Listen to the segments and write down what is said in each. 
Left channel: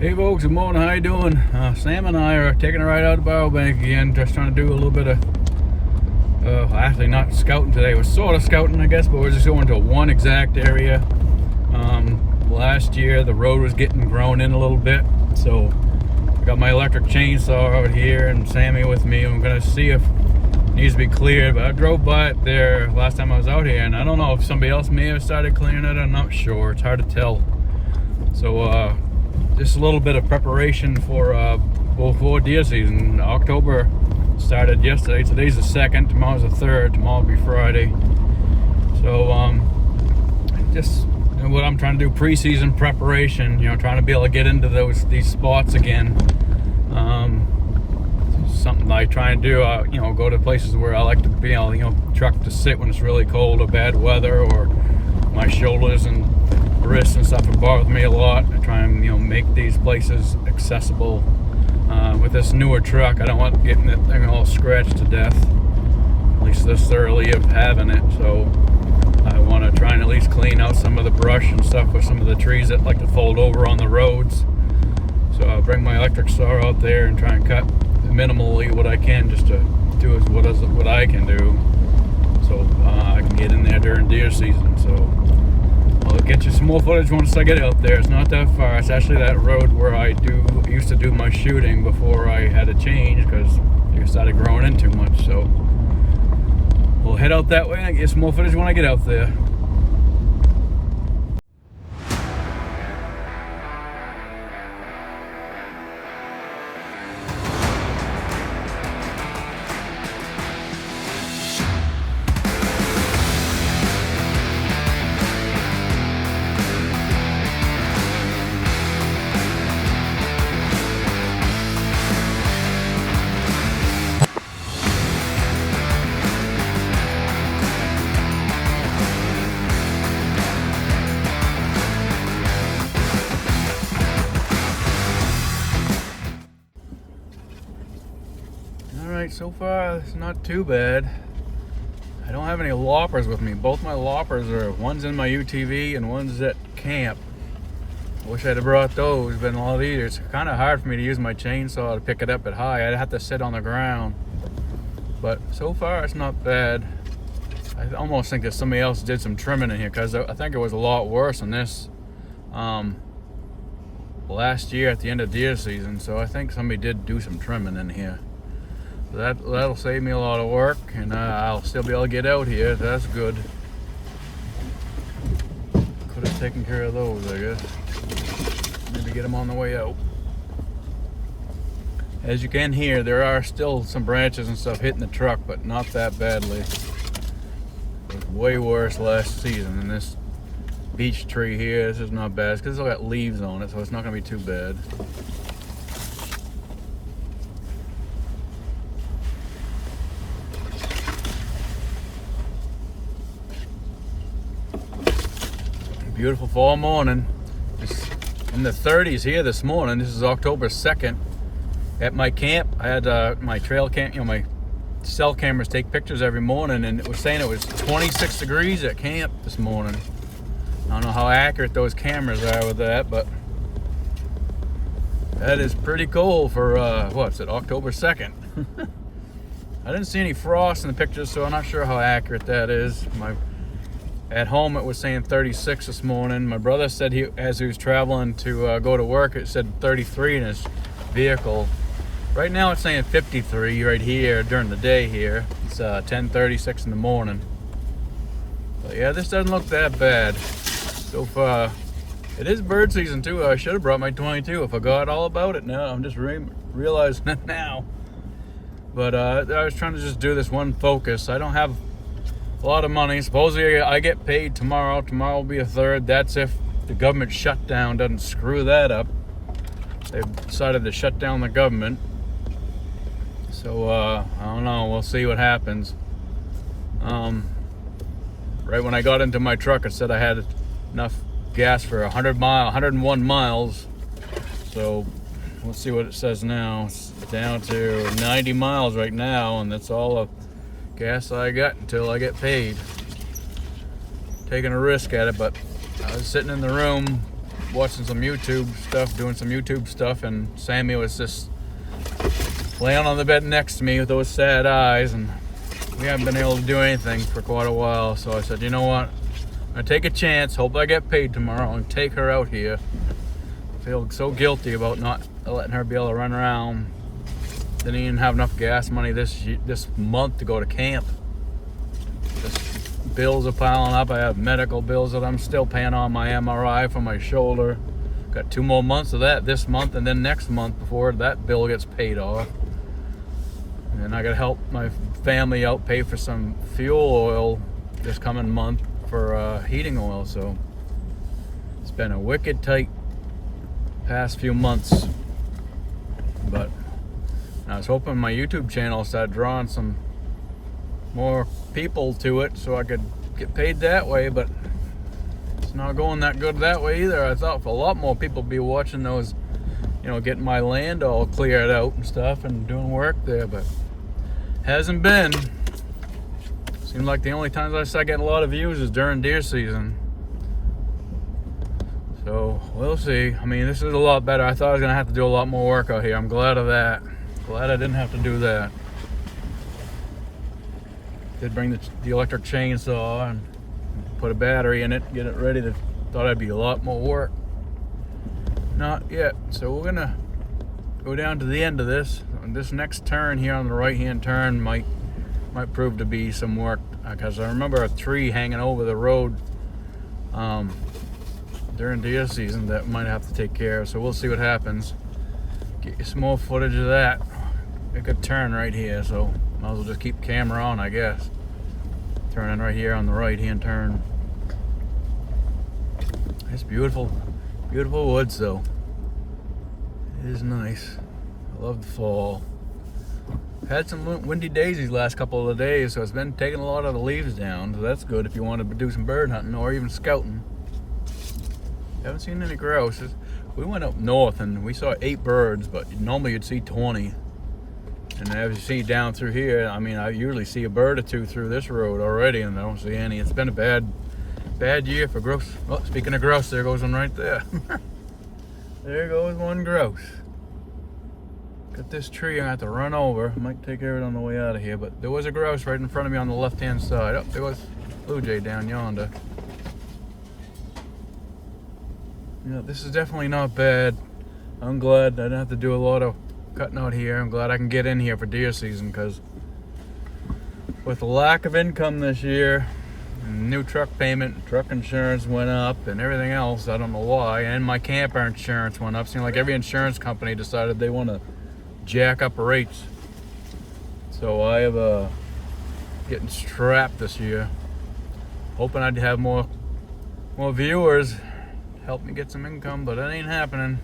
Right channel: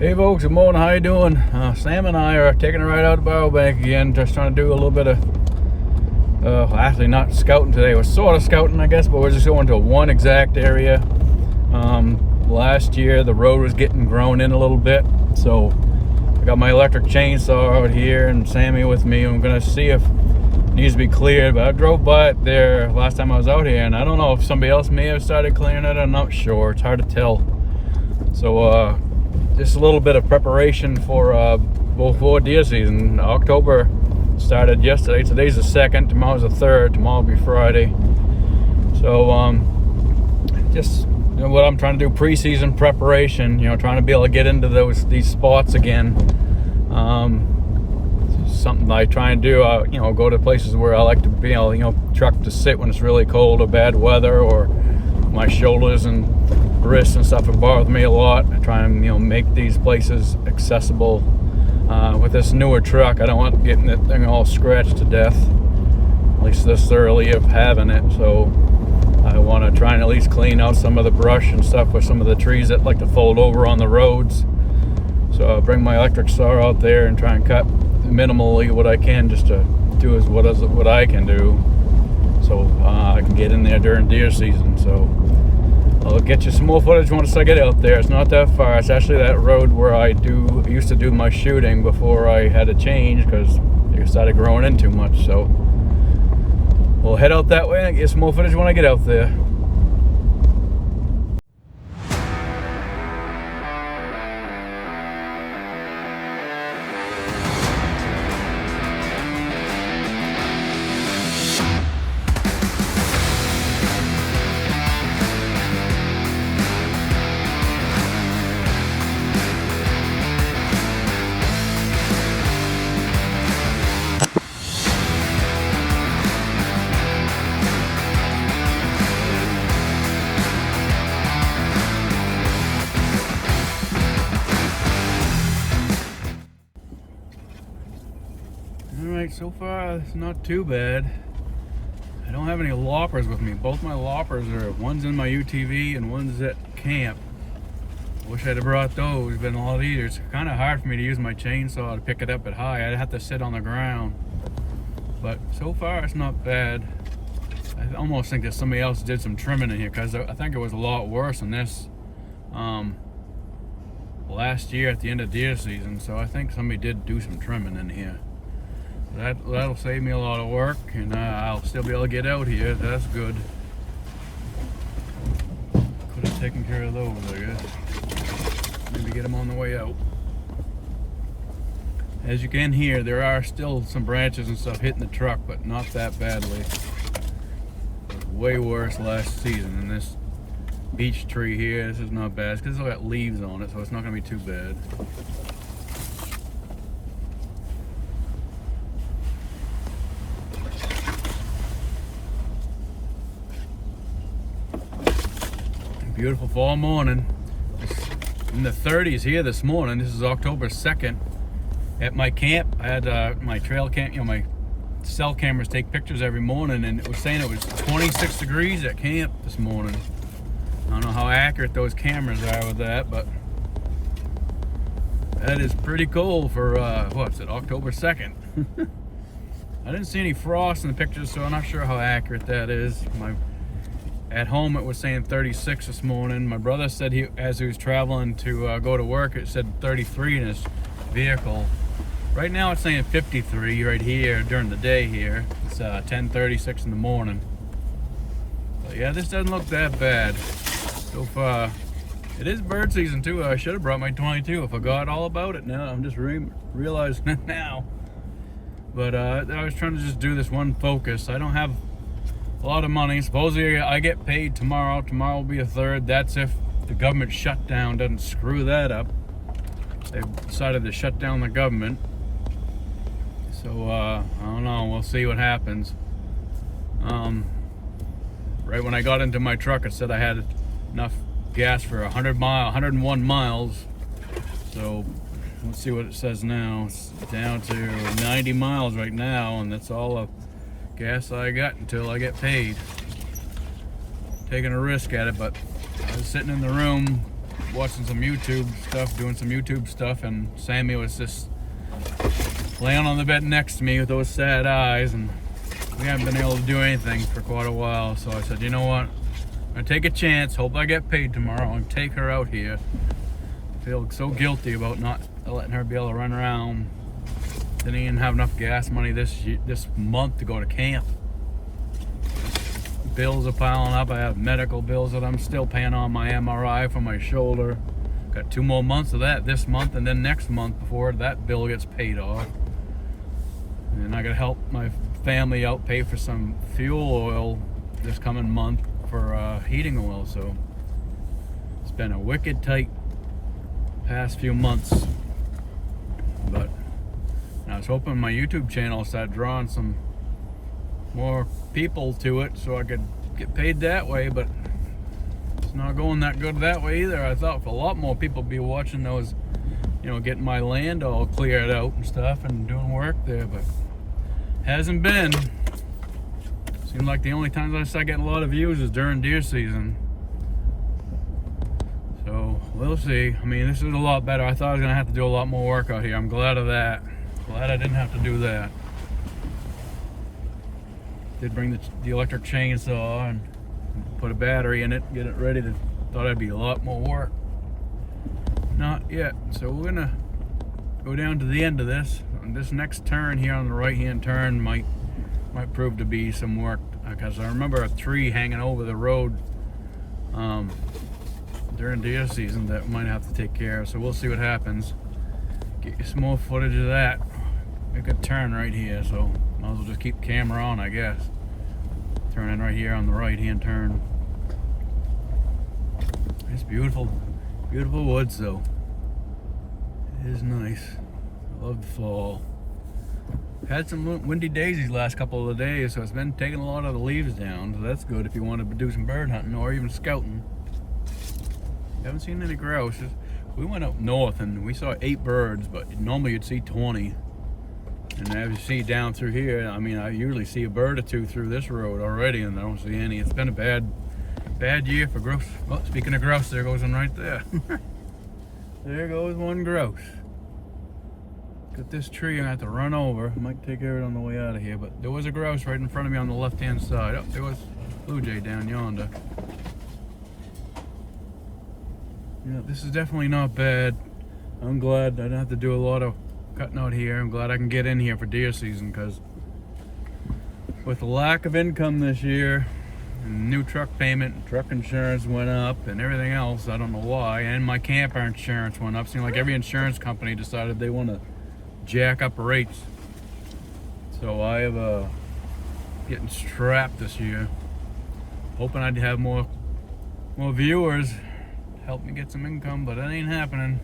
Hey folks, good morning, how you doing? Sam and I are taking a ride out to Biobank again, just trying to do a little bit of, actually not scouting today, we're sort of scouting I guess, but we're just going to one exact area. Last year the road was getting grown in a little bit, so I got my electric chainsaw out here and Sammy with me. I'm gonna see if it needs to be cleared, but I drove by it there last time I was out here and I don't know if somebody else may have started clearing it, I'm not sure, it's hard to tell. So just a little bit of preparation for before deer season. October started yesterday. Today's the 2nd, tomorrow's the 3rd, tomorrow will be Friday. So just what I'm trying to do, pre-season preparation, trying to be able to get into these spots again. Something I try and do, go to places where I like to be able, truck to sit when it's really cold or bad weather, or my shoulders and wrists and stuff have bothered me a lot. I try and make these places accessible. With this newer truck, I don't want getting that thing all scratched to death, at least this early of having it. So I want to try and at least clean out some of the brush and stuff with some of the trees that like to fold over on the roads. So I'll bring my electric saw out there and try and cut minimally what I can, just to do what I can do, so I can get in there during deer season. So I'll get you some more footage once I get out there. It's not that far. It's actually that road where I used to do my shooting before I had to change because it started growing in too much. So we'll head out that way and get some more footage when I get out there. Alright, so far it's not too bad. I don't have any loppers with me. Both my loppers one's in my UTV and one's at camp. I wish I'd have brought those, been a lot easier. It's kind of hard for me to use my chainsaw to pick it up at high. I'd have to sit on the ground. But so far it's not bad. I almost think that somebody else did some trimming in here, because I think it was a lot worse than this last year at the end of deer season. So I think somebody did do some trimming in here. That'll save me a lot of work, and I'll still be able to get out here. That's good. Could have taken care of those, I guess. Maybe get them on the way out. As you can hear, there are still some branches and stuff hitting the truck, but not that badly. It was way worse last season than this beech tree here. This is not bad. It's because it's got leaves on it, so it's not going to be too bad. Beautiful fall morning. It's in the 30s here this morning. This is October 2nd. At my camp, I had my trail camp, my cell cameras take pictures every morning, and it was saying it was 26 degrees at camp this morning. I don't know how accurate those cameras are with that, but that is pretty cold for, what's it, October 2nd. I didn't see any frost in the pictures, so I'm not sure how accurate that is. At home it was saying 36 this morning. My brother said as he was traveling to go to work, it said 33 in his vehicle. Right now it's saying 53 right here during the day here. It's 10:36 in the morning. But yeah, this doesn't look that bad so far. It is bird season too. I should have brought my 22. I forgot all about it now. I'm just realizing it now. But I was trying to just do this one focus. I don't have a lot of money. Supposedly I get paid tomorrow. Tomorrow will be a 3rd. That's if the government shutdown doesn't screw that up. They've decided to shut down the government. So I don't know. We'll see what happens. Right when I got into my truck, it said I had enough gas for 101 miles. So let's see what it says now. It's down to 90 miles right now, and that's all the gas I got until I get paid. Taking a risk at it, but I was sitting in the room watching some YouTube stuff, doing some YouTube stuff, and Sammy was just laying on the bed next to me with those sad eyes, and we haven't been able to do anything for quite a while. So I said, you know what? I take a chance. Hope I get paid tomorrow and take her out here. I feel so guilty about not letting her be able to run around. Didn't even have enough gas money this month to go to camp. Just bills are piling up. I have medical bills that I'm still paying on, my MRI for my shoulder. Got 2 more months of that this month, and then next month before that bill gets paid off. And then I gotta help my family out, pay for some fuel oil this coming month for heating oil. So it's been a wicked tight past few months. But I was hoping my YouTube channel started drawing some more people to it so I could get paid that way, but it's not going that good that way either. I thought for a lot more people be watching those, you know, getting my land all cleared out and stuff and doing work there, but hasn't been. Seems like the only times I start getting a lot of views is during deer season. So we'll see. I mean, this is a lot better. I thought I was gonna have to do a lot more work out here. I'm glad of that. Glad I didn't have to do that. Did bring the electric chainsaw and put a battery in it, get it ready. Thought I'd be a lot more work. Not yet. So we're gonna go down to the end of this. This next turn here on the right-hand turn might prove to be some work, because I remember a tree hanging over the road during deer season that we might have to take care of. So we'll see what happens. Get you some more footage of that. Make a turn right here, so might as well just keep the camera on, I guess. Turning right here on the right-hand turn. It's beautiful, beautiful woods though. It is nice. I love the fall. Had some windy days these last couple of days, so it's been taking a lot of the leaves down, so that's good if you want to do some bird hunting or even scouting. Haven't seen any grouse. We went up north and we saw 8 birds, but normally you'd see 20. And as you see down through here, I mean, I usually see a bird or 2 through this road already, and I don't see any. It's been a bad year for grouse. Well, speaking of grouse, there goes one right there. There goes one grouse. Got this tree I have to run over. I might take care of it on the way out of here, but there was a grouse right in front of me on the left-hand side. Oh, there was blue jay down yonder. Yeah, this is definitely not bad. I'm glad I didn't have to do a lot of cutting out here. I'm glad I can get in here for deer season, because with the lack of income this year, and new truck payment, truck insurance went up, and everything else, I don't know why, and my camper insurance went up. Seems like every insurance company decided they want to jack up rates. So I have getting strapped this year. Hoping I'd have more viewers, help me get some income, but that ain't happening.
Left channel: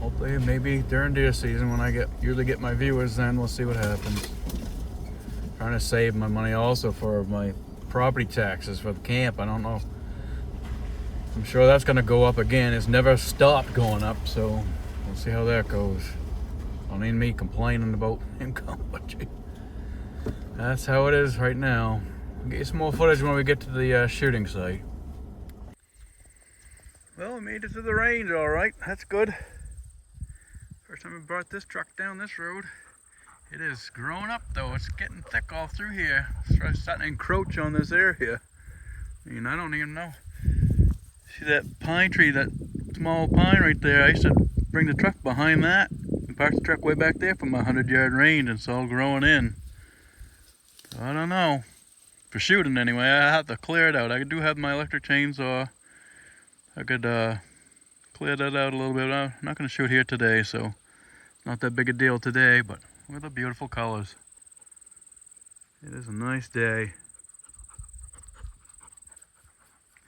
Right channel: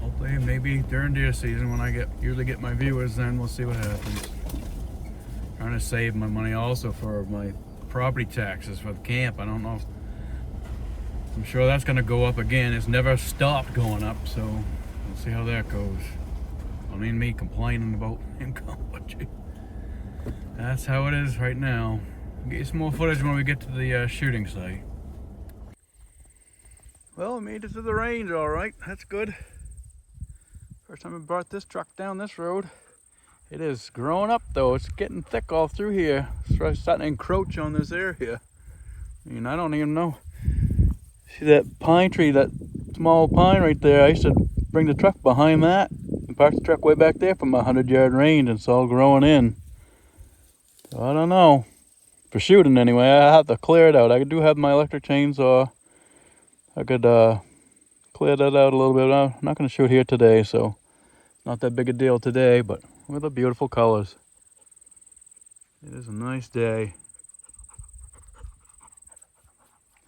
Hopefully, maybe during deer season when I usually get my viewers, then we'll see what happens. Trying to save my money also for my property taxes for the camp. I don't know. I'm sure that's going to go up again. It's never stopped going up, so we'll see how that goes. I don't mean me complaining about income, but gee, that's how it is right now. I'll get you some more footage when we get to the shooting site. Well, I made it to the range all right. That's good. First time I brought this truck down this road. It is growing up though. It's getting thick all through here. It's starting to encroach on this area. I mean, I don't even know. See that pine tree, that small pine right there? I used to bring the truck behind that and park the truck way back there from a 100-yard range, and it's all growing in. So I don't know. For shooting anyway, I have to clear it out. I do have my electric chainsaw. I could clear that out a little bit. I'm not going to shoot here today, so not that big a deal today, but look at the beautiful colors. It is a nice day.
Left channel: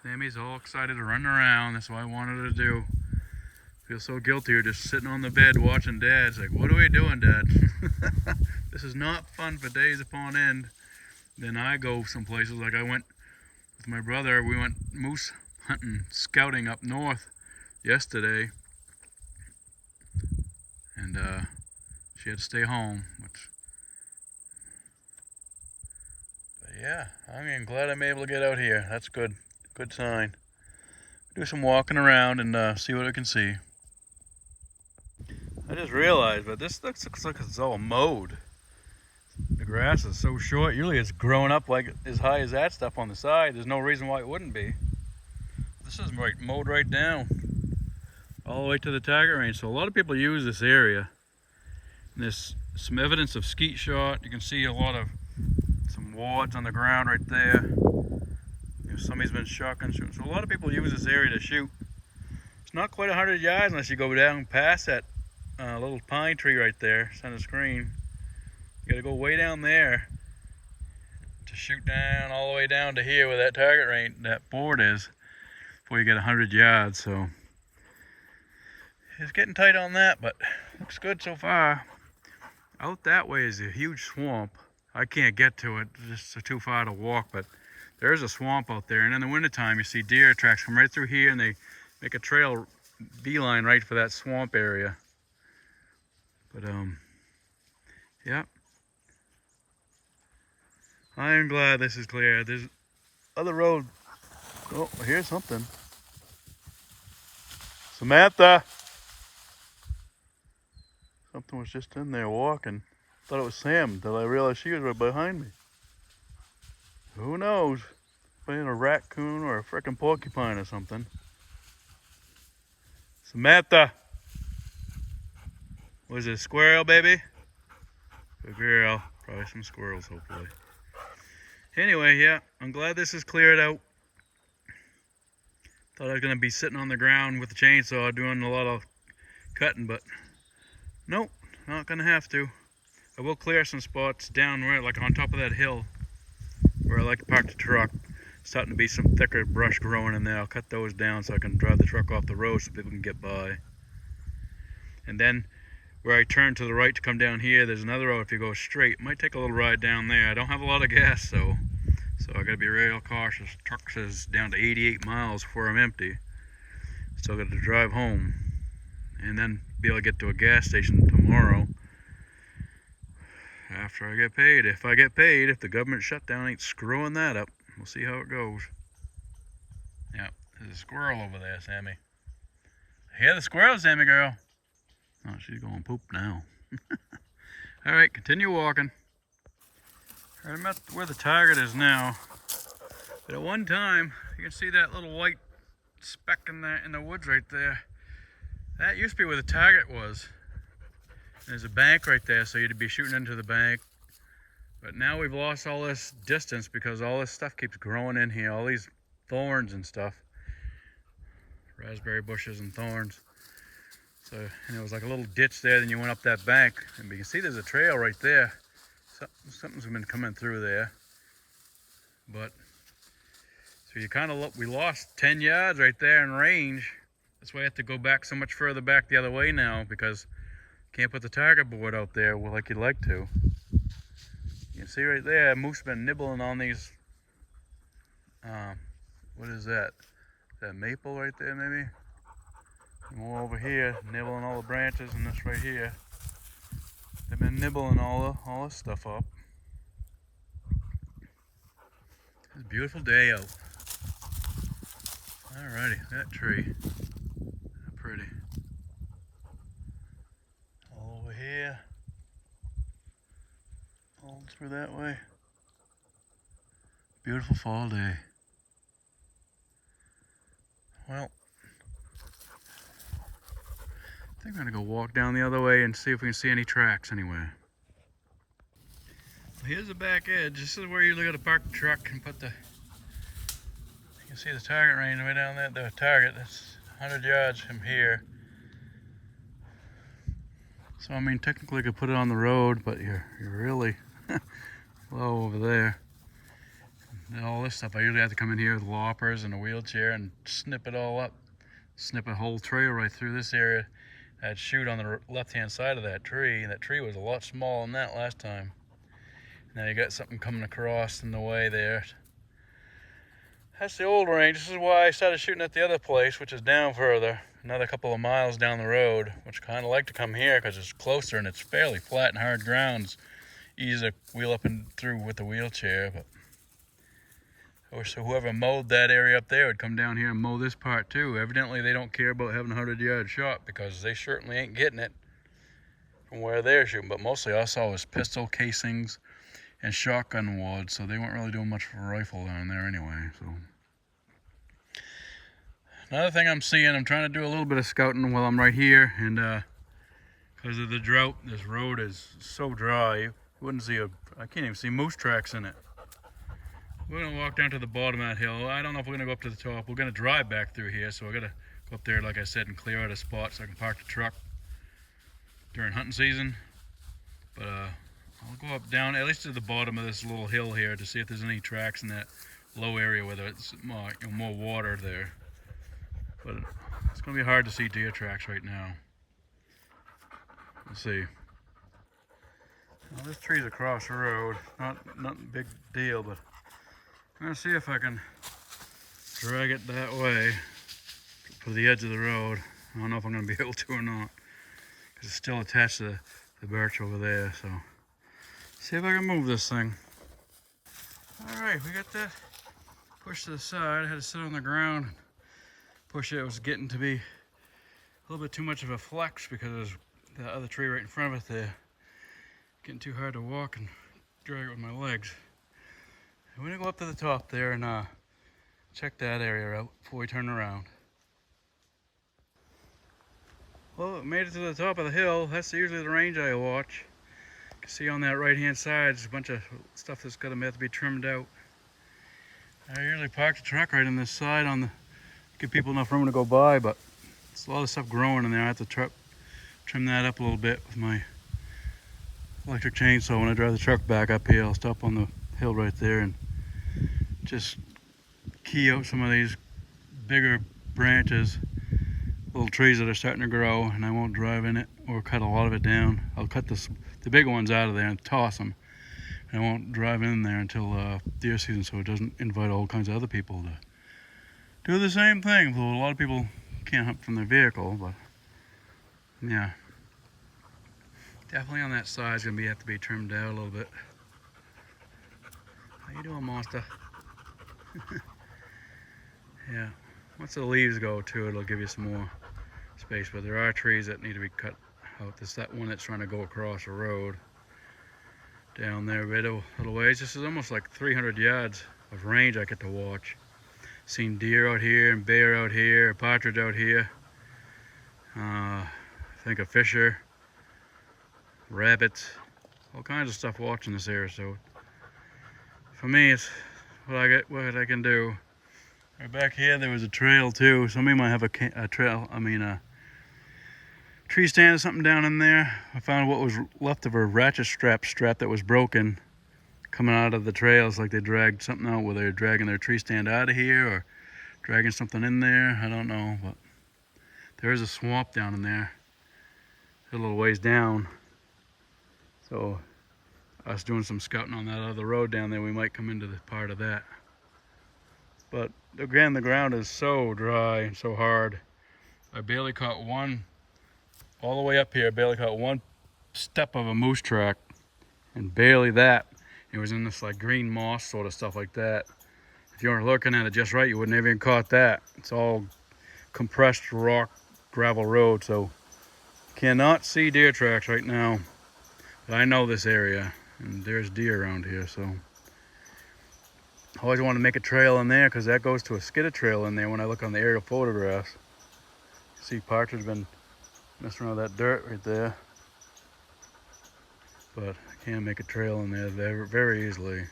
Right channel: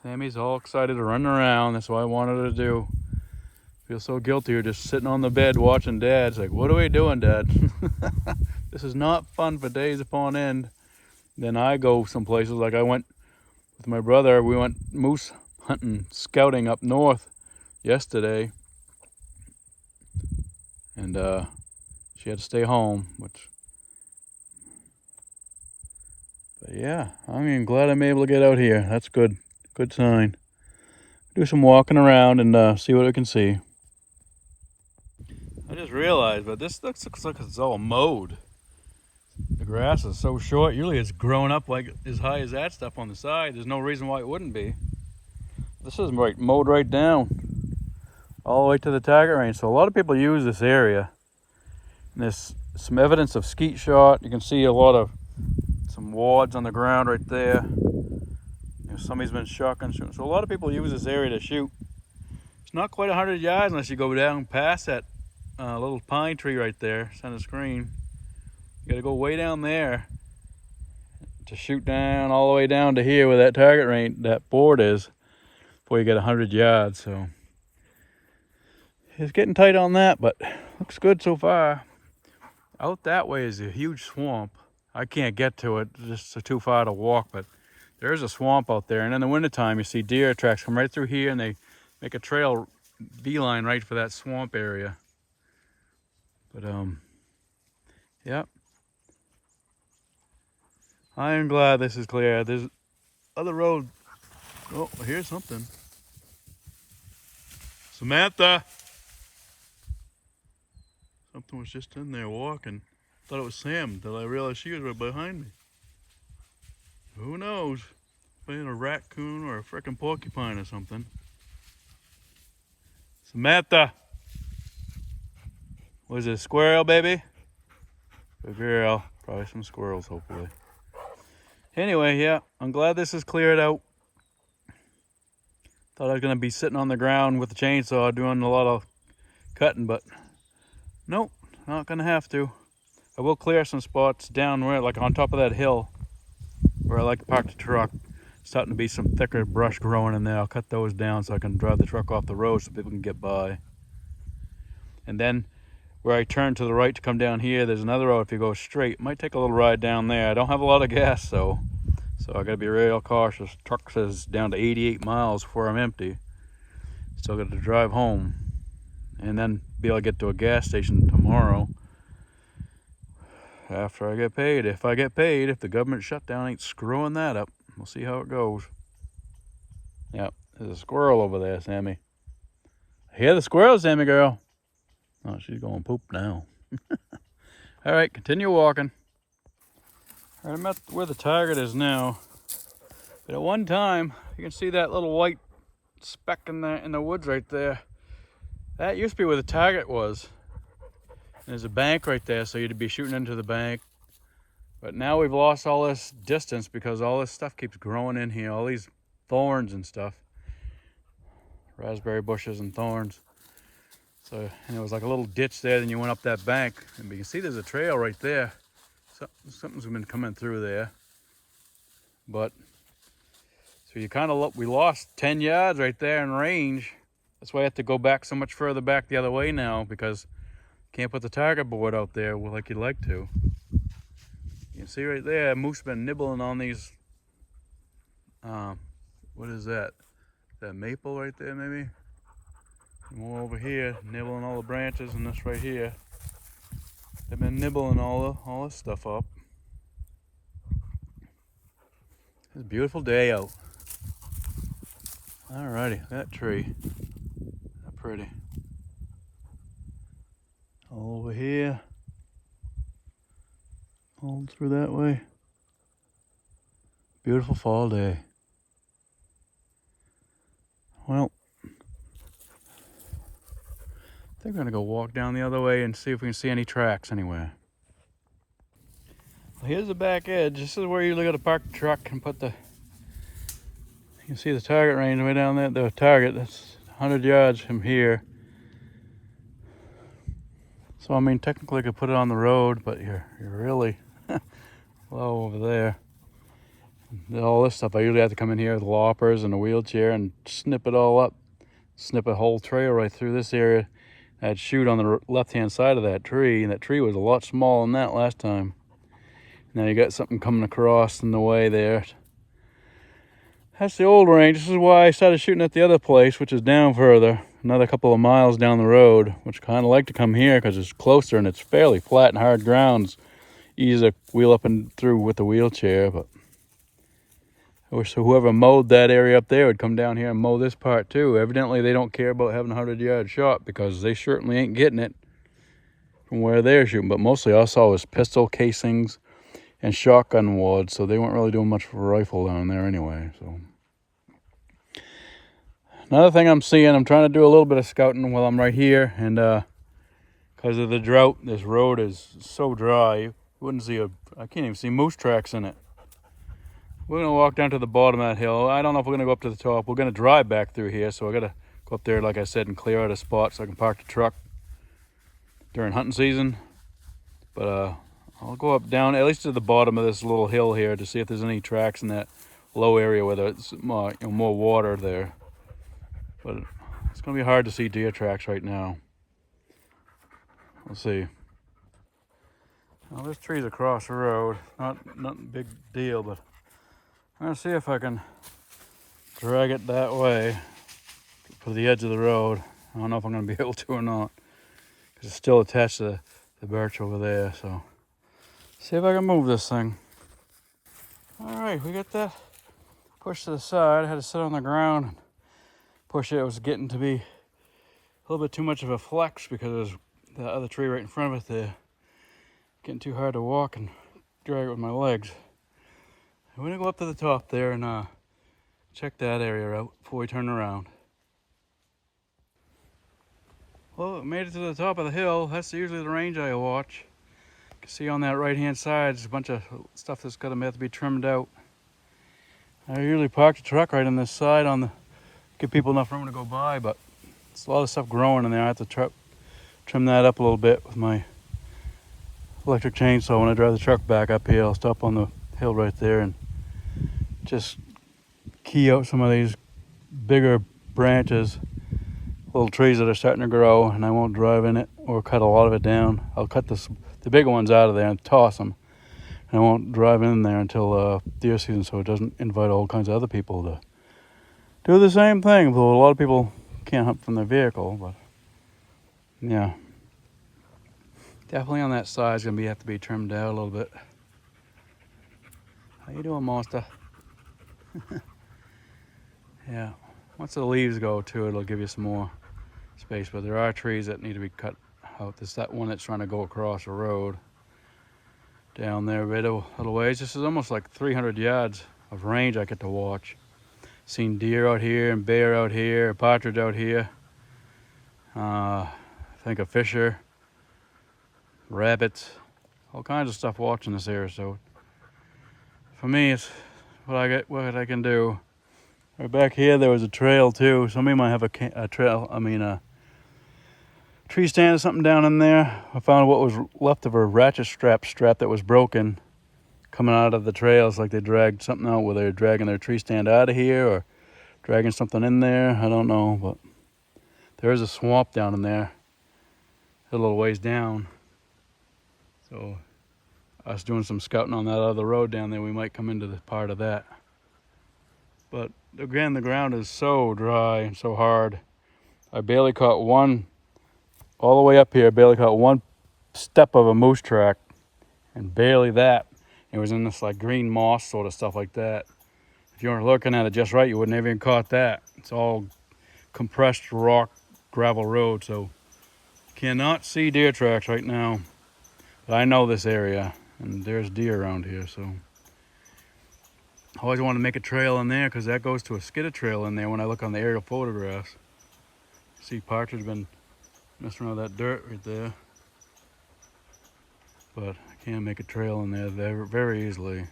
Sammy's all excited to run around. That's what I wanted her to do. Feel so guilty here just sitting on the bed watching Dad. It's like, what are we doing, Dad? This is not fun for days upon end. Then I go some places, like I went with my brother. We went moose hunting, scouting up north yesterday, and she had to stay home, but Yeah, I'm glad I'm able to get out here. That's good. Good sign. Do some walking around and see what I can see. I just realized, but this looks like it's all mowed. The grass is so short. Usually it's grown up like as high as that stuff on the side. There's no reason why it wouldn't be. This is mowed right down all the way to the target range. So a lot of people use this area. And there's some evidence of skeet shot. You can see a lot of some wads on the ground right there. Somebody's been shotgun shooting. So a lot of people use this area to shoot. It's not quite 100 yards unless you go down past that little pine tree right there, center screen. You gotta go way down there to shoot down all the way down to here where that target range, that board is, before you get 100 yards. So it's getting tight on that, but looks good so far. Out that way is a huge swamp. I can't get to it, it's too far to walk, but there's a swamp out there. And in the wintertime, you see deer tracks come right through here and they make a trail beeline right for that swamp area. But yep. I am glad this is clear. There's other road. Oh, here's something. Samantha! Something was just in there walking. Thought it was Sam until I realized she was right behind me. Who knows? Playing a raccoon or a frickin' porcupine or something. Samantha! Was it a squirrel, baby? Good girl. Probably some squirrels, hopefully. Anyway, yeah, I'm glad this is cleared out. Thought I was going to be sitting on the ground with the chainsaw doing a lot of cutting, but nope, not going to have to. I will clear some spots down where, like on top of that hill, where I like to park the truck. Starting to be some thicker brush growing in there. I'll cut those down so I can drive the truck off the road so people can get by. And then where I turn to the right to come down here, there's another road. If you go straight, it might take a little ride down there. I don't have a lot of gas, so I gotta be real cautious. Truck says down to 88 miles before I'm empty. Still got to drive home and then be able to get to a gas station tomorrow after I get paid. If I get paid, if the government shutdown ain't screwing that up. We'll see how it goes. Yep, there's a squirrel over there, Sammy. I hear the squirrel, Sammy girl. Oh, she's going poop now. All right, continue walking. I'm at where the target is now. But at one time, you can see that little white speck in the woods right there. That used to be where the target was. There's a bank right there, so you'd be shooting into the bank. But now we've lost all this distance because all this stuff keeps growing in here, all these thorns and stuff. Raspberry bushes and thorns. So, and it was like a little ditch there, then you went up that bank. And you can see there's a trail right there. Something's been coming through there. But, so you kind of, we lost 10 yards right there in range. That's why I have to go back so much further back the other way now because you can't put the target board out there like you'd like to. You can see right there, moose been nibbling on these, what is that? Is that maple right there maybe? More over here, nibbling all the branches, and this right here. They've been nibbling all this stuff up. It's a beautiful day out. Alrighty, that tree. That's pretty. All over here. All through that way. Beautiful fall day. Well, I think we're gonna go walk down the other way and see if we can see any tracks anywhere. Well, here's the back edge. This is where you gotta park the truck and put the, you can see the target range way down there. The target, that's 100 yards from here. So I mean, technically I could put it on the road, but you're really low over there. And all this stuff, I usually have to come in here with loppers and a wheelchair and snip it all up. Snip a whole trail right through this area. I'd shoot on the left-hand side of that tree, and that tree was a lot smaller than that last time. Now you got something coming across in the way there. That's the old range. This is why I started shooting at the other place, which is down further. Another couple of miles down the road, which I kind of like to come here because it's closer and it's fairly flat and hard ground. It's easy to wheel up and through with the wheelchair, but So whoever mowed that area up there would come down here and mow this part too. Evidently they don't care about having a 100-yard shot, because they certainly ain't getting it from where they're shooting. But mostly all I saw was pistol casings and shotgun wads, so they weren't really doing much for rifle down there anyway. So another thing I'm seeing, I'm trying to do a little bit of scouting while I'm right here, and because of the drought, this road is so dry, you wouldn't see I can't even see moose tracks in it. We're gonna walk down to the bottom of that hill. I don't know if we're gonna go up to the top. We're gonna drive back through here, so I gotta go up there, like I said, and clear out a spot so I can park the truck during hunting season. But I'll go up down at least to the bottom of this little hill here to see if there's any tracks in that low area where there's more, more water there. But it's gonna be hard to see deer tracks right now. We'll see. Well, this tree's across the road. Nothing big deal, but I'm gonna see if I can drag it that way to the edge of the road. I don't know if I'm gonna be able to or not, because it's still attached to the birch over there. So see if I can move this thing. All right, we got that pushed to the side. I had to sit on the ground and push it. It was getting to be a little bit too much of a flex because there's the other tree right in front of it there. Getting too hard to walk and drag it with my legs. We're gonna go up to the top there and check that area out before we turn around. Well, it made it to the top of the hill. That's usually the range I watch. You can see on that right hand side, there's a bunch of stuff that's gonna have to be trimmed out. I usually park the truck right on this side give people enough room to go by, but there's a lot of stuff growing in there. I have to trim that up a little bit with my electric chainsaw. When I drive the truck back up here, I'll stop on the hill right there and just key out some of these bigger branches, little trees that are starting to grow, and I won't drive in it or cut a lot of it down. I'll cut the bigger ones out of there and toss them, and I won't drive in there until deer season, so it doesn't invite all kinds of other people to do the same thing. Well, a lot of people can't hunt from their vehicle, but yeah, definitely on that side is gonna have to be trimmed out a little bit. How you doing, monster? Yeah, once the leaves go too, it'll give you some more space, but there are trees that need to be cut out. There's that one that's trying to go across the road down there a little ways. This is almost like 300 yards of range I get to watch. Seen deer out here and bear out here, partridge out here. I think a fisher, rabbits, all kinds of stuff watching this area. So for me, it's what I can do. Right back here, there was a trail too. Somebody might have a trail. A tree stand or something down in there. I found what was left of a ratchet strap that was broken, coming out of the trails. Like they dragged something out, whether they're dragging their tree stand out of here or dragging something in there. I don't know, but there is a swamp down in there, a little ways down. So us doing some scouting on that other road down there, we might come into the part of that. But again, the ground is so dry and so hard. I barely caught one, all the way up here, barely caught one step of a moose track, and barely that. It was in this like green moss sort of stuff like that. If you weren't looking at it just right, you wouldn't have even caught that. It's all compressed rock, gravel road, so cannot see deer tracks right now. But I know this area, and there's deer around here, so I always want to make a trail in there because that goes to a skidder trail in there. When I look on the aerial photographs, see partridge been messing around with that dirt right there, but I can make a trail in there very easily.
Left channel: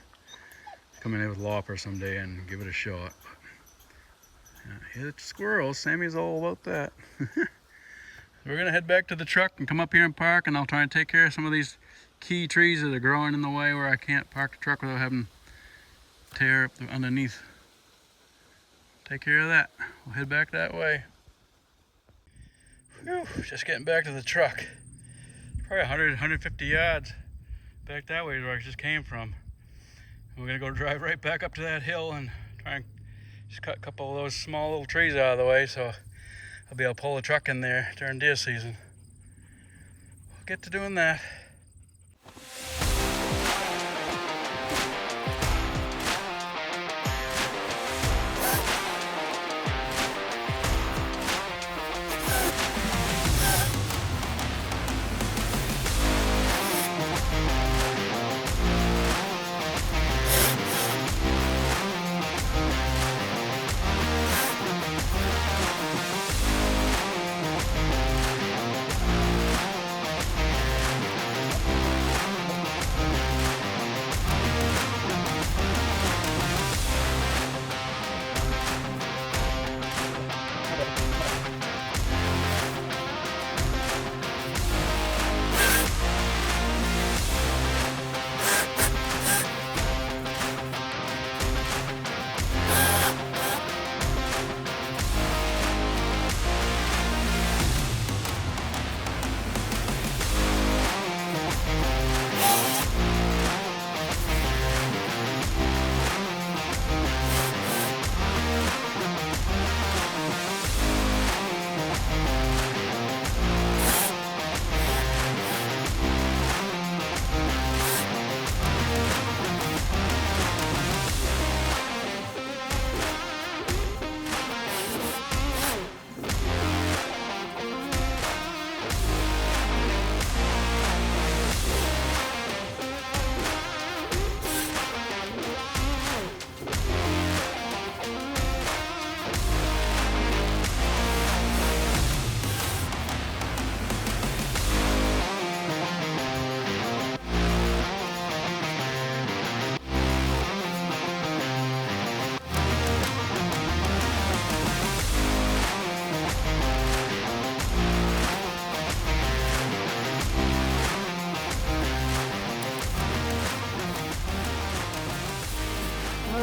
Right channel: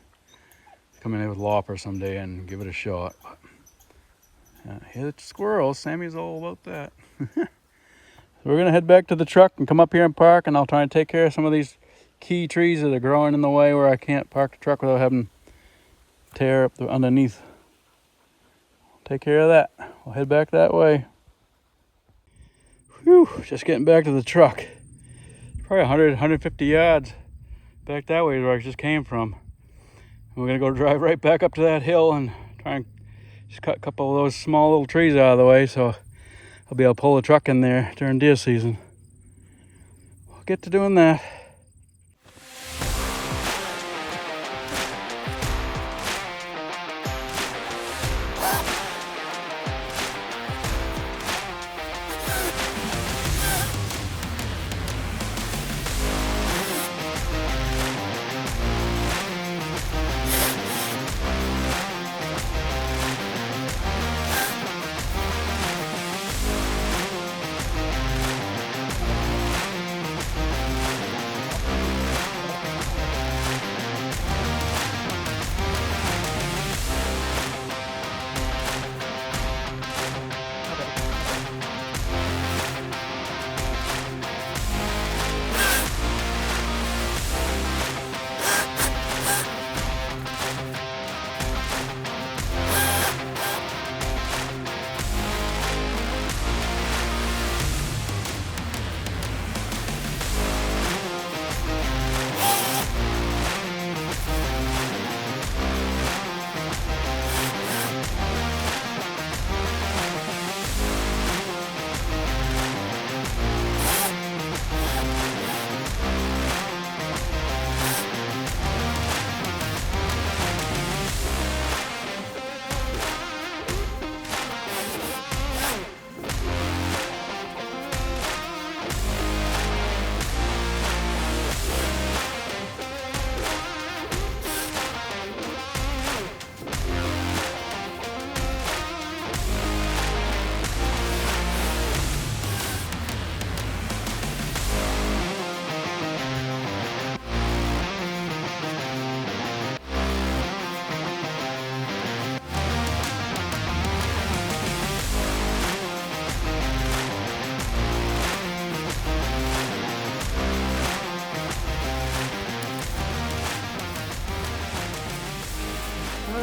Come in here with Lopper someday and give it a shot. But hit squirrels, Sammy's all about that. We're gonna head back to the truck and come up here and park, and I'll try and take care of some of these key trees that are growing in the way where I can't park the truck without having tear up the underneath. Take care of that. We'll head back that way. Whew, just getting back to the truck. Probably 100, 150 yards back that way is where I just came from. And we're gonna go drive right back up to that hill and try and just cut a couple of those small little trees out of the way so I'll be able to pull the truck in there during deer season. We'll get to doing that.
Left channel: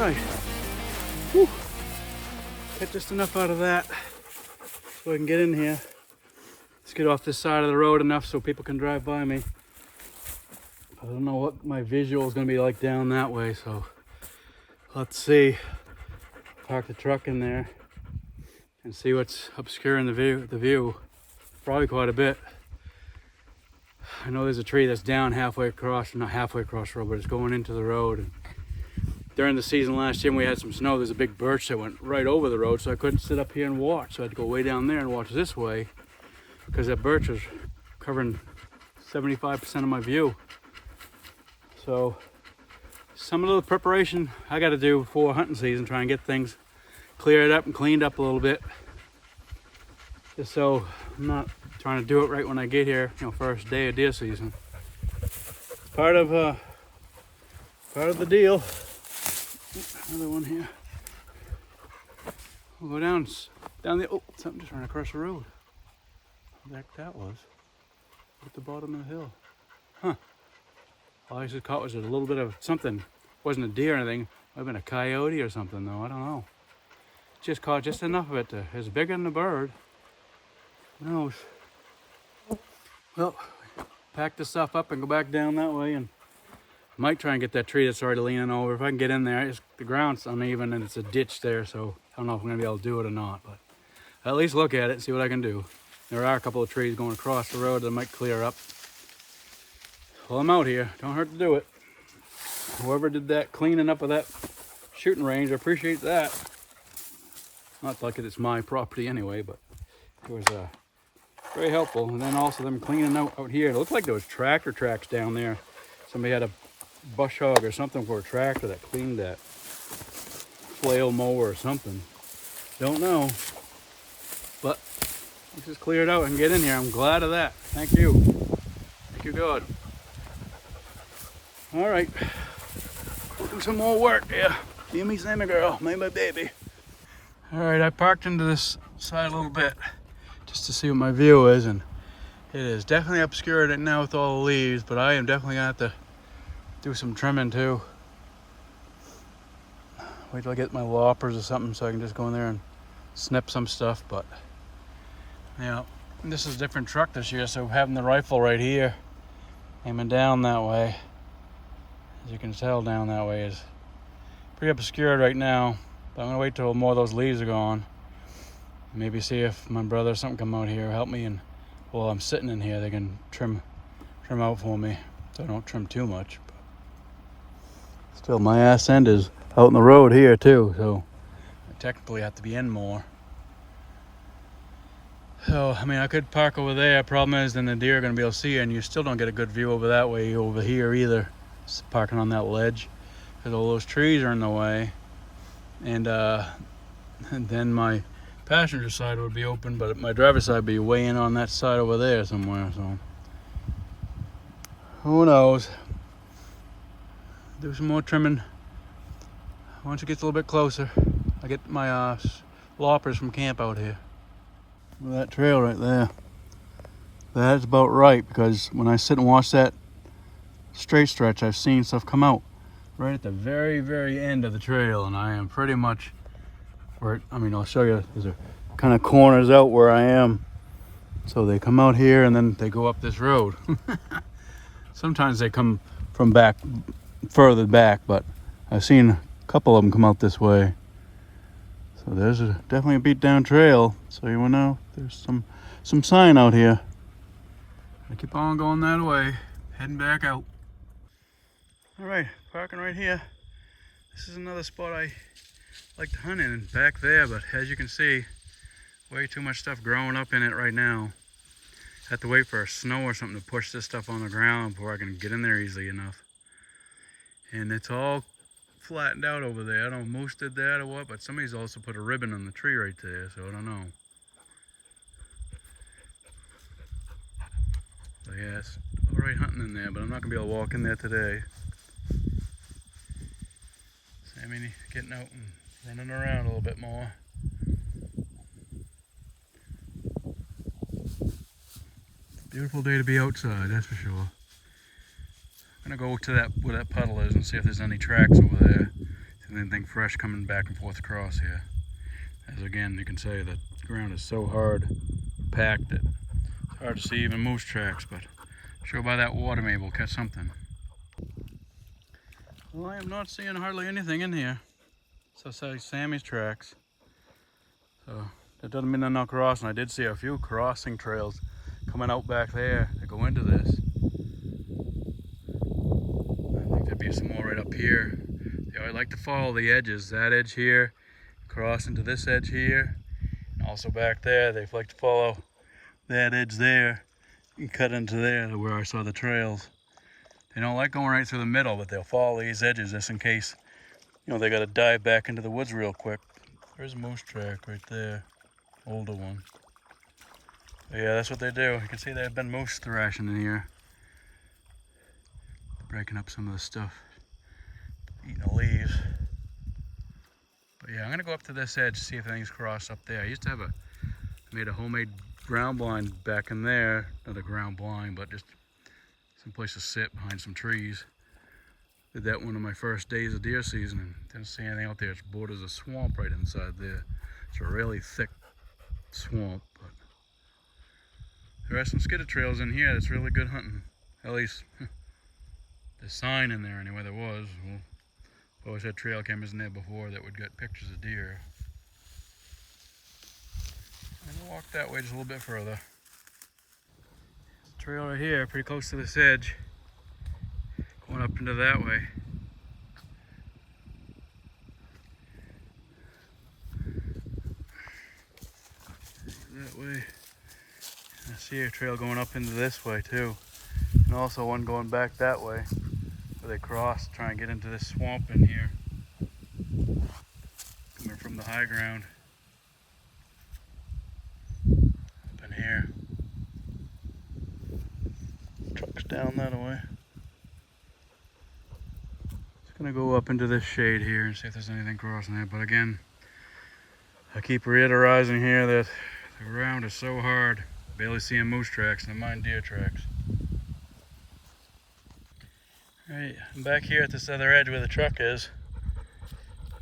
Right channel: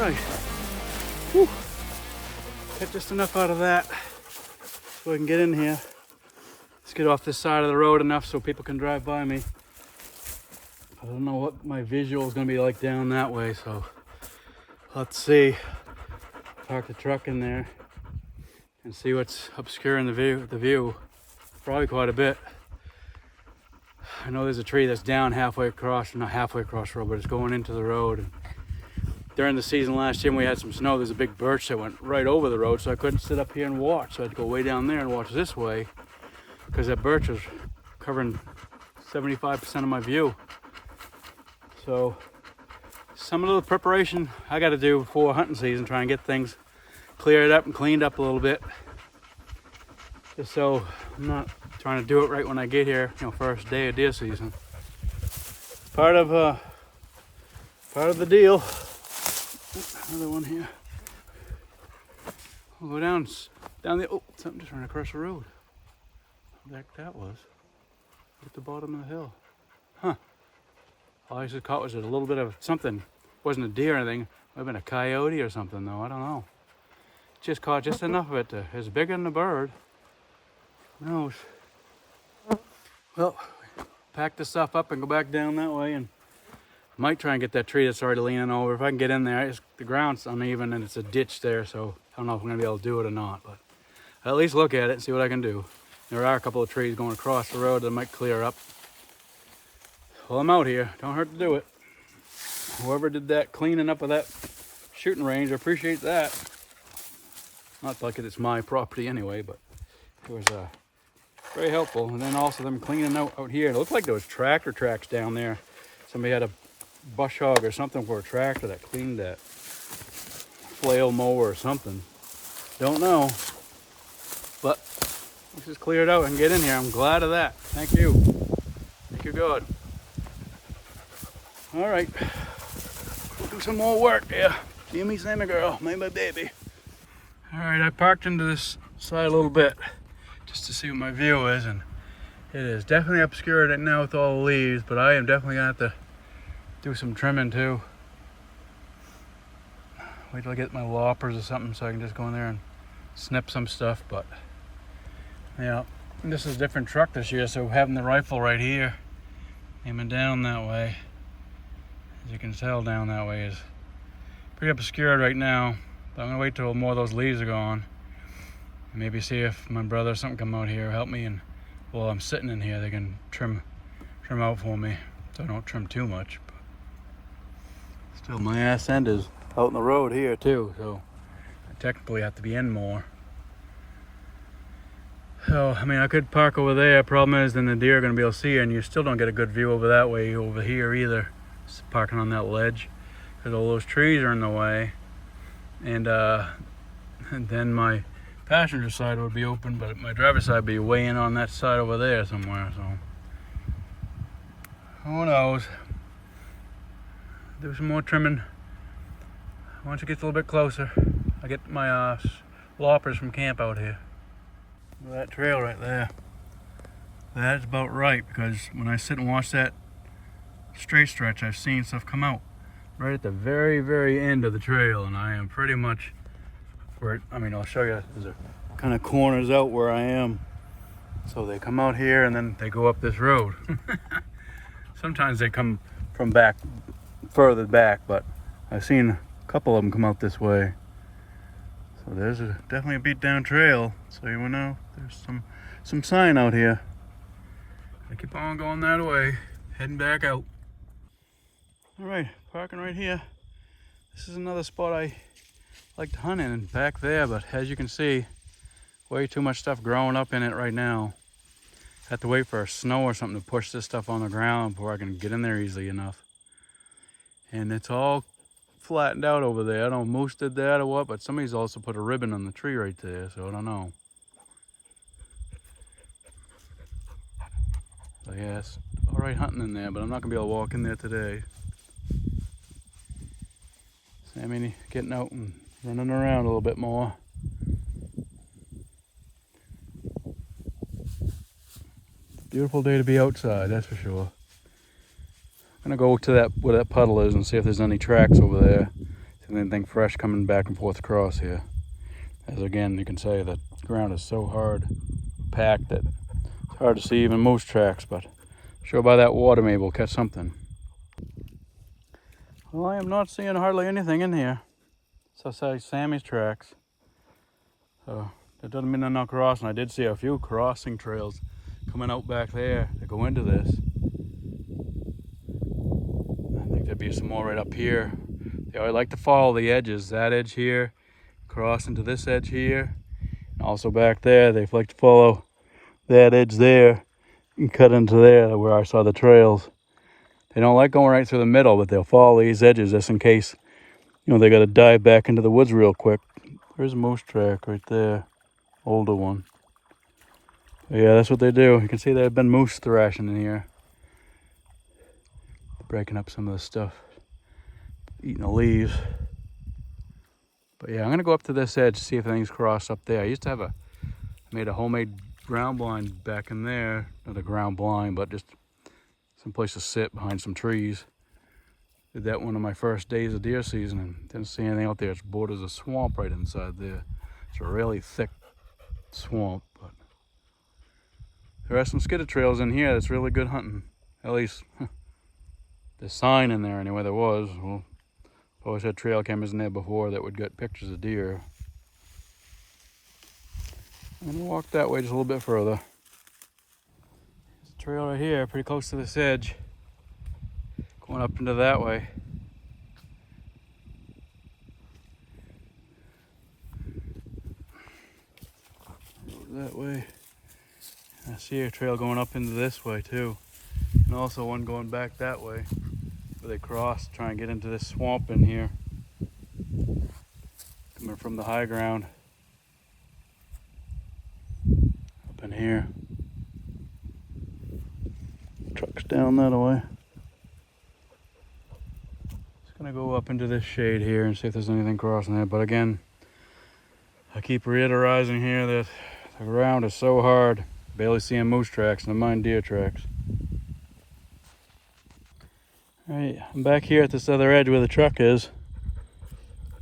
right. Whew. Got just enough out of that so I can get in here. Let's get off this side of the road enough so people can drive by me. I don't know what my visual is going to be like down that way, so let's see. Park the truck in there and see what's obscuring the view. Probably quite a bit. I know there's a tree that's down halfway across, not halfway across the road, but it's going into the road. And during the season last year when we had some snow, there's a big birch that went right over the road, so I couldn't sit up here and watch. So I had to go way down there and watch this way because that birch was covering 75% of my view. So some of the preparation I got to do before hunting season, try and get things cleared up and cleaned up a little bit, just so I'm not trying to do it right when I get here, first day of deer season. Part of the deal. Another one here. We'll go down the. Oh, something just ran across the road. What the heck that was? At the bottom of the hill. Huh. All I just caught was a little bit of something. Wasn't a deer or anything. Might have been a coyote or something though. I don't know. Just caught just enough of it to. It's bigger than a bird. Who knows? Well, pack this stuff up and go back down that way, and might try and get that tree that's already leaning over. If I can get in there, the ground's uneven and it's a ditch there, so I don't know if I'm gonna be able to do it or not, but I'll at least look at it and see what I can do. There are a couple of trees going across the road that might clear up. Well, I'm out here. Don't hurt to do it. Whoever did that cleaning up of that shooting range, I appreciate that. Not like it's my property anyway, but it was very helpful. And then also them cleaning out here. It looked like there was tractor tracks down there. Somebody had a bush hog or something for a tractor that cleaned that. Flail mower or something. Don't know. But this is cleared out and get in here. I'm glad of that. Thank you. Thank you, God. All right. We'll do some more work here. Gimme Santa girl, made my baby. All right, I parked into this side a little bit just to see what my view is, and it is definitely obscured right now with all the leaves, but I am definitely gonna have to do some trimming too. Wait till I get my loppers or something so I can just go in there and snip some stuff. But yeah, this is a different truck this year, so having the rifle right here aiming down that way, as you can tell down that way, is pretty obscured right now. But I'm gonna wait till more of those leaves are gone. Maybe see if my brother or something come out here, help me, and while I'm sitting in here, they can trim out for me, so I don't trim too much. But still, my ass end is out in the road here too, so I technically have to be in more. So, I mean, I could park over there. Problem is, then the deer are gonna be able to see you, and you still don't get a good view over that way over here either. Just parking on that ledge, because all those trees are in the way. And then my passenger side would be open, but my driver's side would be way in on that side over there somewhere, so who knows. Do some more trimming once it gets a little bit closer. I get my loppers from camp out here. That trail right there, that's about right, because when I sit and watch that straight stretch, I've seen stuff come out right at the very, very end of the trail, and I am pretty much where I'll show you. There's a kind of corners out where I am, so they come out here and then they go up this road. Sometimes they come from further back, but I've seen a couple of them come out this way. So there's definitely a beat down trail, so you will know there's some sign out here. I keep on going that way, heading back out. All right, parking right here. This is another spot I like to hunt in, and back there, but as you can see, way too much stuff growing up in it right now. Have to wait for a snow or something to push this stuff on the ground before I can get in there easily enough. And it's all flattened out over there. I don't know if Moose did that or what, but somebody's also put a ribbon on the tree right there, so I don't know. So yeah, it's all right hunting in there, but I'm not gonna be able to walk in there today. Sammy getting out and running around a little bit more. It's a beautiful day to be outside, that's for sure. I'm gonna go to where that puddle is and see if there's any tracks over there. anything fresh coming back and forth across here. As again, you can say the ground is so hard packed that it's hard to see even moose tracks, but sure by that water maybe we'll catch something. Well, I am not seeing hardly anything in here. So say Sammy's tracks. So that doesn't mean they're not crossing. I did see a few crossing trails coming out back there that go into this. I think there'd be some more right up here. They always like to follow the edges. That edge here, cross into this edge here. And also back there, they like to follow that edge there and cut into there where I saw the trails. They don't like going right through the middle, but they'll follow these edges just in case, you know, they got to dive back into the woods real quick. There's a moose track right there, older one. But yeah, that's what they do. You can see they've been moose thrashing in here. They're breaking up some of the stuff, eating the leaves. But yeah, I'm gonna go up to this edge, see if things cross up there. I used to have made a homemade ground blind back in there. Not a ground blind, but just some place to sit behind some trees. Did that one of my first days of deer season and didn't see anything out there. It borders a swamp right inside there. It's a really thick swamp, but there are some skidder trails in here that's really good hunting. At least the sign in there anyway, there was. Well, I've always had trail cameras in there before that would get pictures of deer. And then walk that way just a little bit further. There's a trail right here, pretty close to this edge. Going up into that way. That way. I see a trail going up into this way too. And also one going back that way where they cross, try and get into this swamp in here. Coming from the high ground. Up in here. Truck's down that way. Gonna go up into this shade here and see if there's anything crossing there. But again, I keep reiterating here that the ground is so hard, barely seeing moose tracks, never mind deer tracks. Alright, I'm back here at this other edge where the truck is.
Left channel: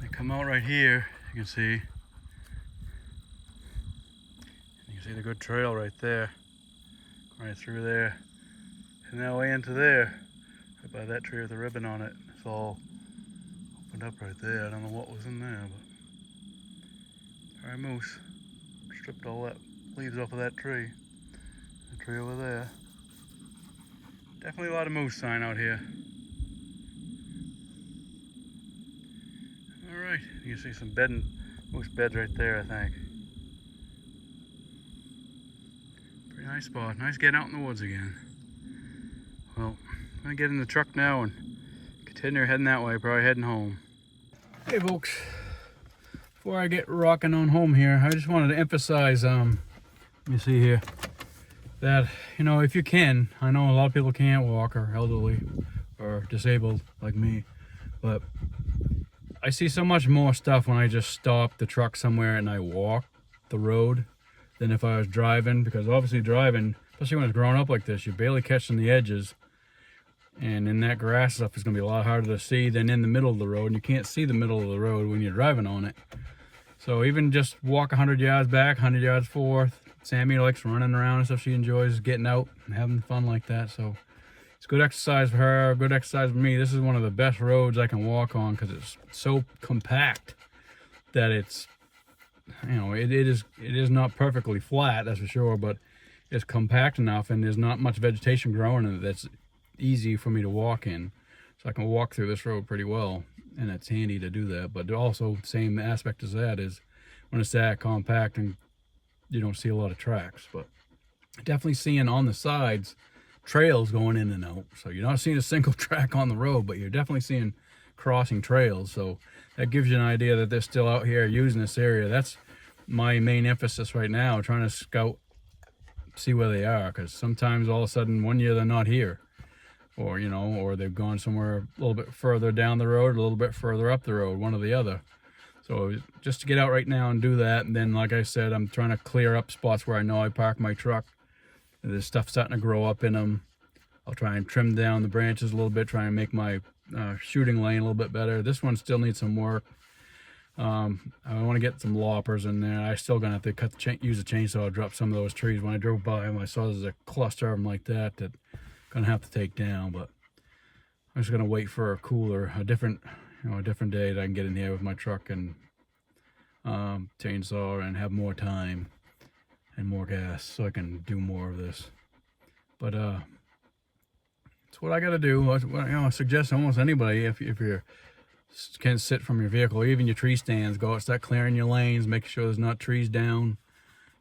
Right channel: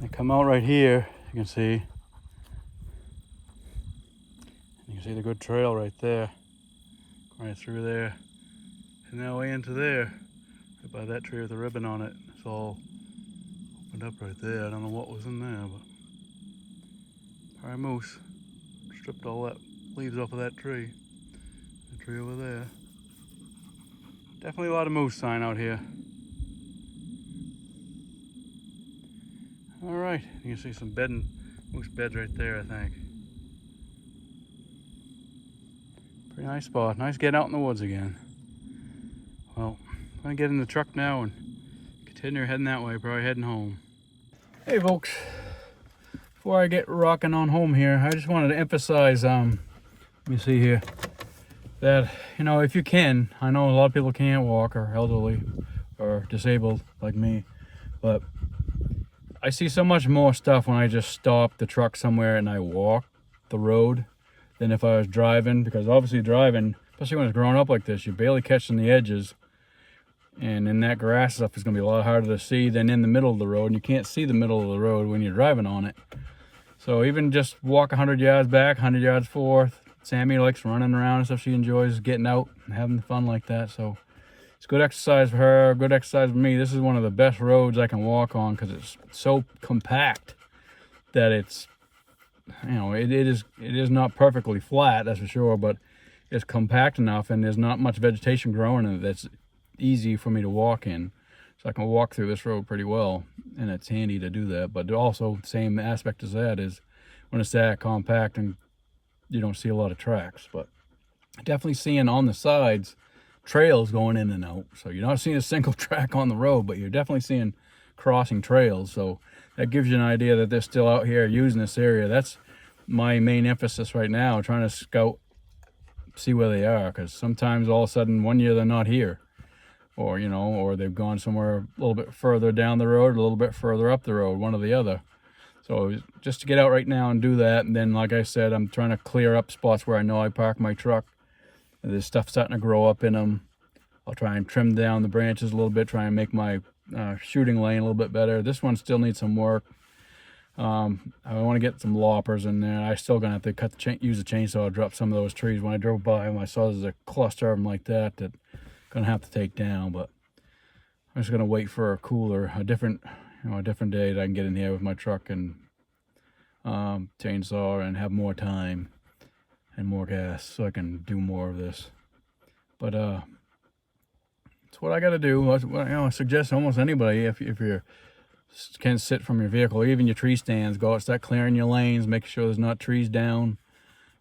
I come out right here, you can see. You can see the good trail right there. Right through there. And that way into there. Right by that tree with the ribbon on it. It's all opened up right there. I don't know what was in there, but probably moose. Stripped all that leaves off of that tree. The tree over there. Definitely a lot of moose sign out here. Alright, you can see some moose beds right there, I think. Pretty nice spot. Nice getting out in the woods again. Well, I'm gonna get in the truck now and continue heading that way, probably heading home. Hey folks, before I get rocking on home here, I just wanted to emphasize, let me see here, that, you know, if you can, I know a lot of people can't walk or elderly or disabled like me, but I see so much more stuff when I just stop the truck somewhere and I walk the road than if I was driving, because obviously driving, especially when it's growing up like this, you're barely catching the edges. And in that grass stuff is going to be a lot harder to see than in the middle of the road. And you can't see the middle of the road when you're driving on it. So even just walk 100 yards back, 100 yards forth. Sammy likes running around and stuff. She enjoys getting out and having fun like that. So it's good exercise for her, good exercise for me. This is one of the best roads I can walk on because it's so compact that it's, you know, it is not perfectly flat, that's for sure, but it's compact enough and there's not much vegetation growing in it that's easy for me to walk in. So I can walk through this road pretty well, and it's handy to do that. But also, same aspect as that is when it's that compact and you don't see a lot of tracks. But definitely seeing on the sides trails going in and out. So you're not seeing a single track on the road, but you're definitely seeing crossing trails. So that gives you an idea that they're still out here using this area. That's my main emphasis right now, trying to scout, see where they are, because sometimes all of a sudden one year they're not here. Or, you know, or they've gone somewhere a little bit further down the road, a little bit further up the road, one or the other. So just to get out right now and do that. And then, like I said, I'm trying to clear up spots where I know I park my truck. And there's stuff starting to grow up in them. I'll try and trim down the branches a little bit, try and make my shooting lane a little bit better. This one still needs some work. I want to get some loppers in there. I still gonna have to use a chainsaw to drop some of those trees. When I drove by them, I saw there's a cluster of them like that gonna have to take down. But I'm just gonna wait for a different day that I can get in here with my truck and chainsaw and have more time and more gas so I can do more of this. But it's what I got to do. I suggest almost anybody, if you can sit from your vehicle, or even your tree stands, go out, start clearing your lanes, make sure there's not trees down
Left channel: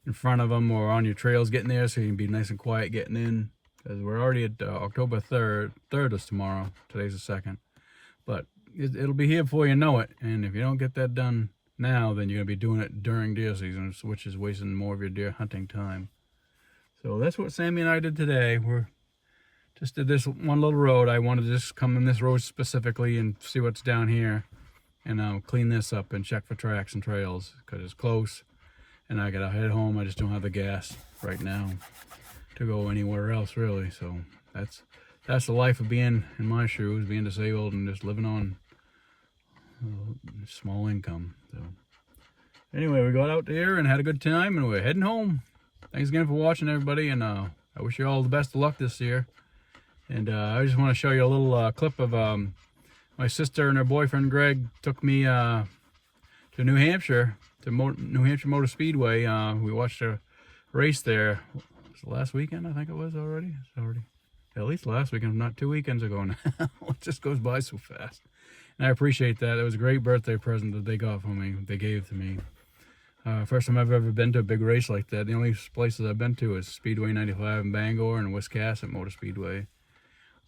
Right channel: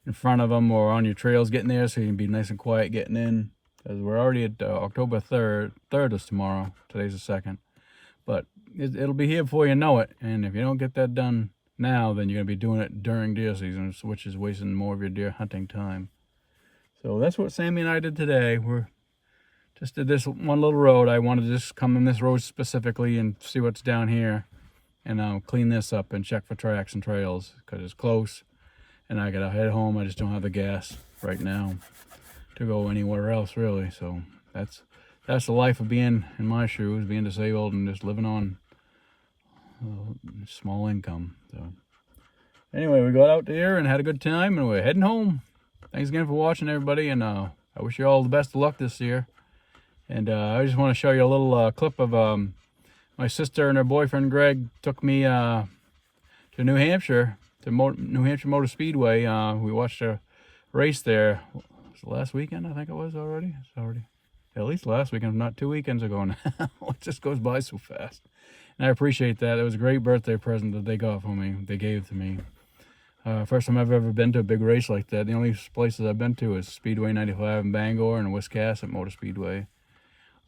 in front of them or on your trails getting there, so you can be nice and quiet getting in. Because we're already at October 3rd. 3rd is tomorrow. Today's the 2nd. But it'll be here before you know it. And if you don't get that done now, then you're going to be doing it during deer season, which is wasting more of your deer hunting time. So that's what Sammy and I did today. We're just did this one little road. I wanted to just come in this road specifically and see what's down here. And I'll clean this up and check for tracks and trails because it's close. And I got to head home. I just don't have the gas right now to go anywhere else, really. So that's the life of being in my shoes, being disabled and just living on small income. So anyway, we got out there and had a good time, and we're heading home. Thanks again for watching, everybody, and I wish you all the best of luck this year. And I just want to show you a little clip of my sister and her boyfriend Greg took me to New Hampshire, to New Hampshire Motor Speedway. We watched a race there. Was it last weekend? I think it was already. It's already at least last weekend, not 2 weekends ago now. It just goes by so fast. And I appreciate that. It was a great birthday present that they got for me. They gave to me. First time I've ever been to a big race like that. The only places I've been to is Speedway 95 in Bangor and Wiscasset Motor Speedway.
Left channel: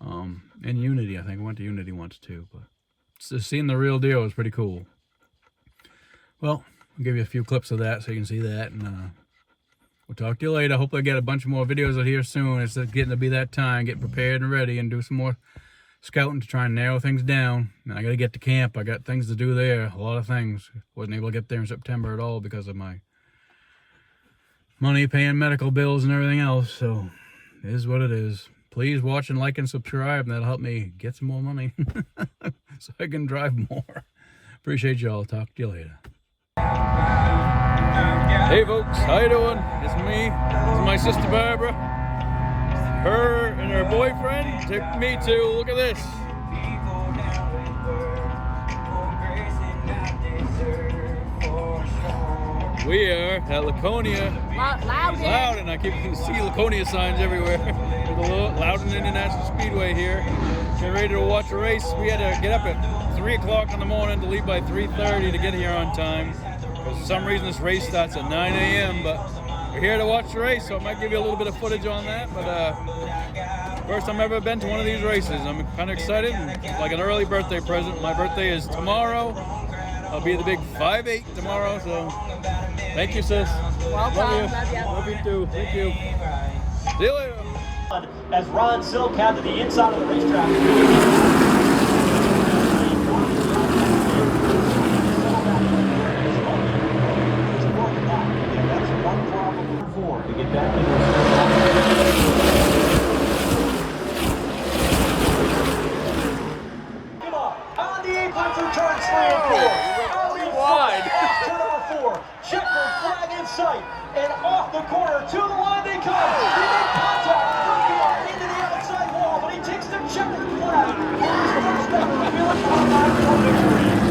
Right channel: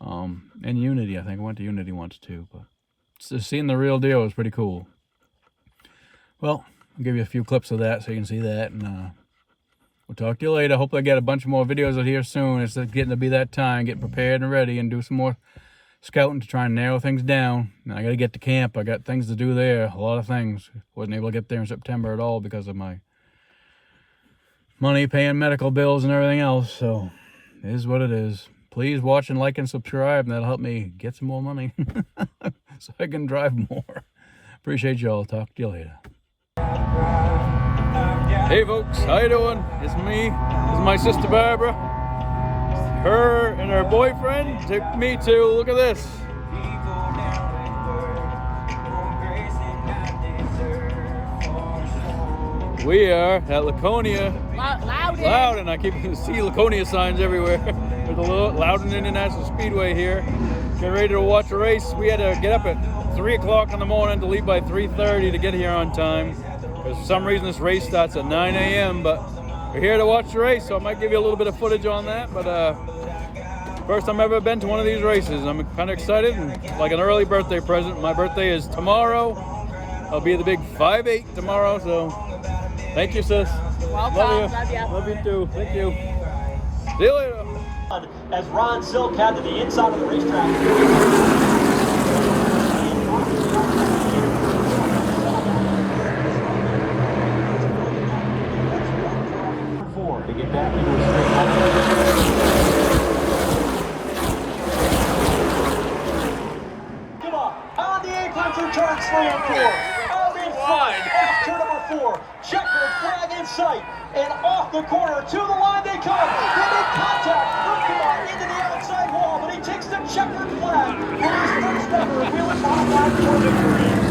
And Unity, I think. I went to Unity once too. But just seeing the real deal was pretty cool. Well, I'll give you a few clips of that so you can see that. And we'll talk to you later. Hopefully I get a bunch more videos out here soon. It's getting to be that time. Get prepared and ready and do some more scouting to try and narrow things down. Now I got to get to camp. I got things to do there. A lot of things. Wasn't able to get there in September at all because of my money, paying medical bills and everything else. So it is what it is. Please watch and like and subscribe, and that'll help me get some more money so I can drive more. Appreciate y'all. Talk to you later. Hey folks, how you doing? It's me. This is my sister Barbara. Her and her boyfriend took me to, look at this. We are at Laconia. Loudon. I keep seeing Laconia signs everywhere. There's a Loudon International Speedway here. Get ready to watch a race. We had to get up at 3 o'clock in the morning to leave by 3:30 to get here on time. For some reason this race starts at 9 a.m. but we're here to watch the race, so I might give you a little bit of footage on that. But first time I've ever been to one of these races. I'm kind of excited, and like an early birthday present. My birthday is tomorrow. I'll be the big 5'8" tomorrow, so thank you, sis. Welcome. Love you. Love you too. Thank you. See you later. As Ron Silk had to the inside of the racetrack. Turn 3 and 4. Out in front, off turn number 4. Checkered flag in sight. And off the corner to the line they come. They make contact. Rookie into the outside wall, but he takes the checkered flag. For his first ever wheeling automatic for victory.